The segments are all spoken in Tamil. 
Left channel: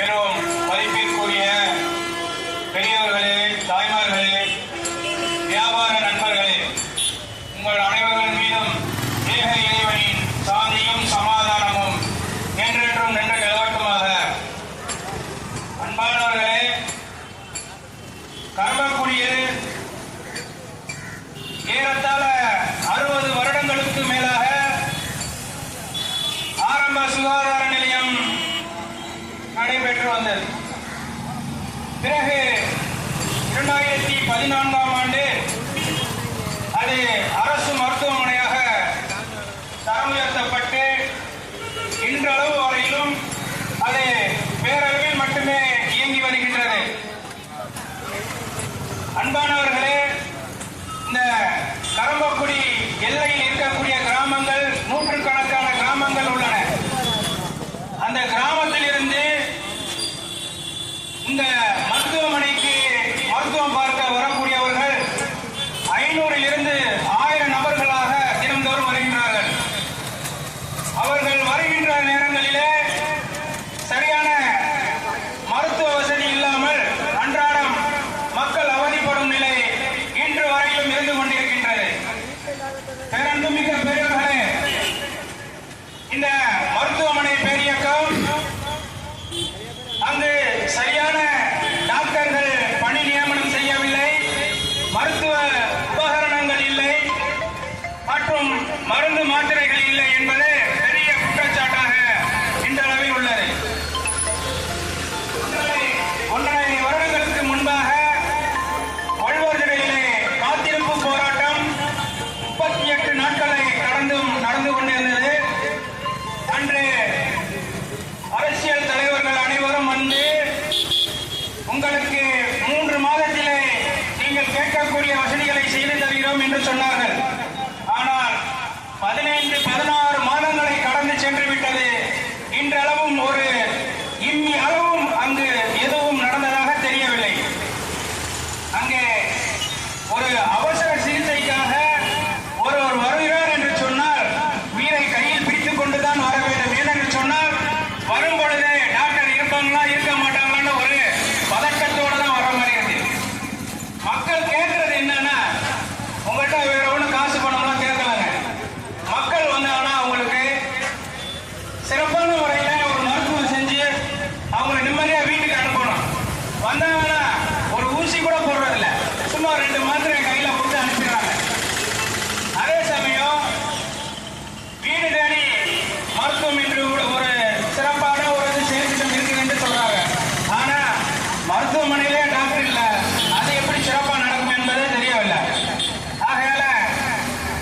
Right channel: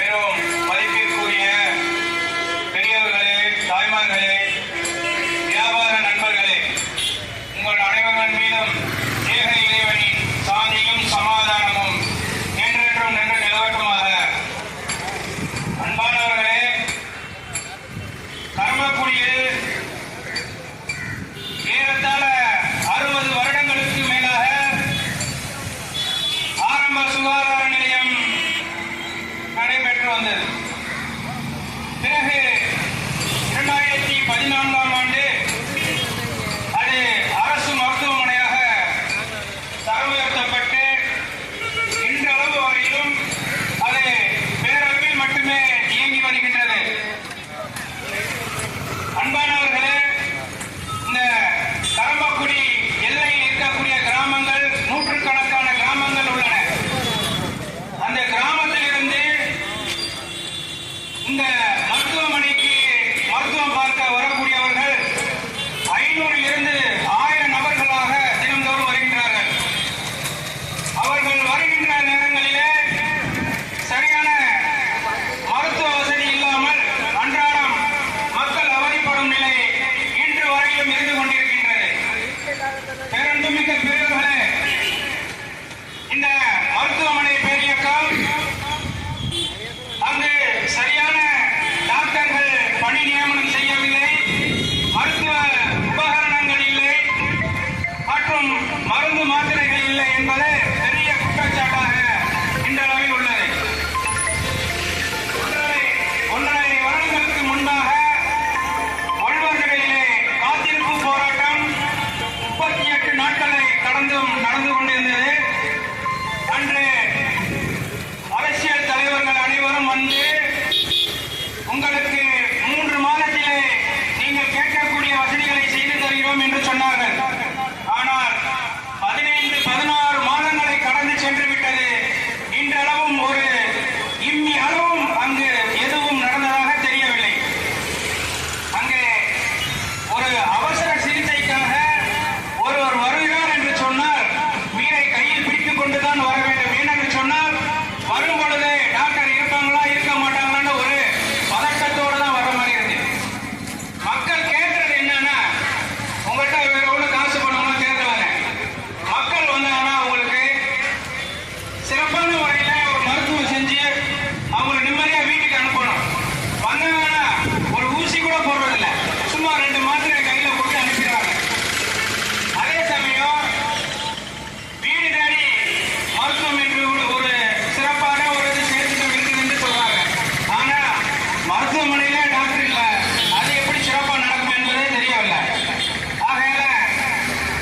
பெரும் மதிப்பிற்குரிய பெரியவர்களே தாய்மார்களே வியாபார நண்பர்களே உங்கள் அனைவர்கள் மீதும் தேக இறைவனின் சாந்தியும் சமாதானமும் என்றென்றும் நின்று நிலவட்டுமாக. அன்பானவர்களே கர்மக்குடியில் ஏறத்தாழ அறுபது வருடங்களுக்கு மேலாக ஆரம்ப சுகாதார நிலையம் நடைபெற்று வந்தது பிறகு இரண்டாயிரத்தி பதினான்காம் ஆண்டு அது அரசு மருத்துவமனையாக தரம் உயர்த்தப்பட்டு இன்றளவு வரையிலும் அது பேரளவில் மட்டுமே இயங்கி வருகின்றது. அன்பான இந்த மருத்துவமனைக்கு மருத்துவம் பார்க்க வரக்கூடியவர்கள் ஐநூறில் இருந்து ஆயிரம் நபர்களாக தினந்தோறும் வருகின்றார்கள். அவர்கள் வருகின்ற நேரங்களிலே சரியான மருத்துவ வசதி இல்லாமல் அன்றாடம் மக்கள் அவதிப்படும் நிலை இன்று வரையிலும் இருந்து கொண்டு இல்லை என்பது பெரிய குற்றச்சாட்டாக இன்றளவில் உள்ளது. ஒன்றரை வருடங்களுக்கு முன்பாக வள்ளுவர்களிலே காத்திருப்பு போராட்டம் முப்பத்தி எட்டு நாட்களை கடந்தும் நடந்து கொண்டிருந்தது. அன்று அரசியல் தலைவர்கள் அனைவரும் வந்து உங்களுக்கு மூன்று மாதத்திலே நீங்கள் கேட்கக்கூடிய வசதிகளை செய்து தருகிறோம் என்று சொன்னார்கள். ஆனால் ரெண்டு மாத்திரை கையில போட்டு அனுப்பிடுறாங்க. அதே சமயம் வீடு தேடி மருத்துவம் என்று ஒரு சிறப்பான ஒரு இது செயல்திட்டம் இருக்குது என்று சொல்றாங்க. ஆனா மருத்துவமனையிலே டாக்டர் இல்ல. அது எப்படி சிறப்பா நடக்கும் என்பதே தெரியவில்லை. ஆகையால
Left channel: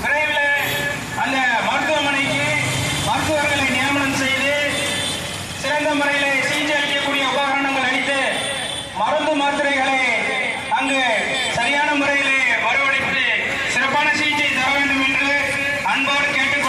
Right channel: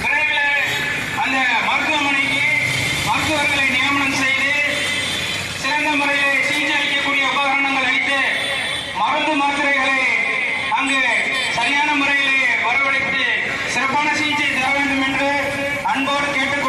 விரைவில் அந்த மருத்துவமனைக்கு மருத்துவர்களை நியமனம் செய்து சிறந்த முறையில் சிகிச்சை அளிக்கக்கூடிய உபகரணங்கள் அளித்து மருந்து மாத்திரைகளை அங்கு சரியான முறையில் மறுவடைத்து சிறப்பான சிகிச்சை தர வேண்டும் என்று அன்போடு கேட்டுக்